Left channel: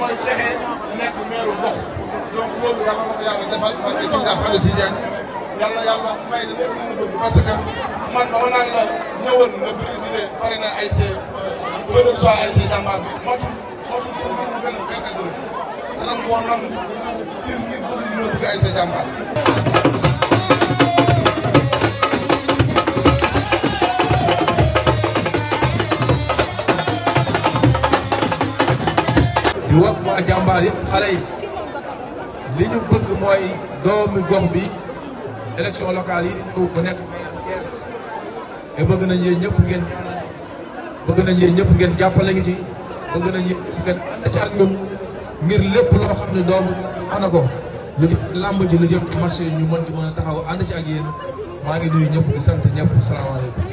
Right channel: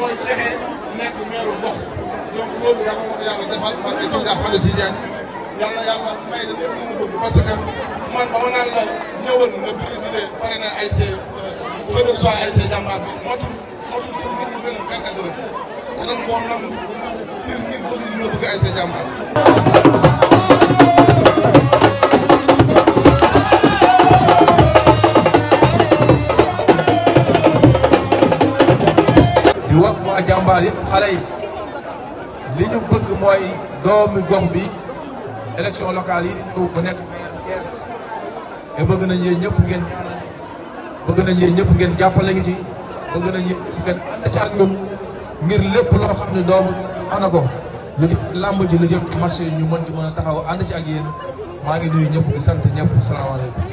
mooy fexe nekk meeru gox donc loolu yàlla na ko yàlla defal parce que Sëñ Ahmadou Tidiane yàlla may la lépp lu mu bëgg parce que man ba ma naan la ñëwal nga présider pare na ASC Feu Joie ASC Jàmbaar bi motul si man mu gën a benn dërëm danañ koo nangu si ngir bëgg yi nga bëgg ASC Jàmbaar di wax waa Jàmbaar yëpp xale yi li ñu bëgg mooy doomi gox bi élection locale yi ñëw bu nekk te bëgg nañ yéen ñëpp ngeen jàppale ngi ci bëgg nañ yéen ñëpp ngeen ànd ci ak ñun ngir lépp loo xam ne doomu ana ko lu làmb ji lu jëm marché yi ñu mën a taxaw ànd ci ak yéen maa ngi nuyu ñëpp di sant ñëpp salaamaaleykum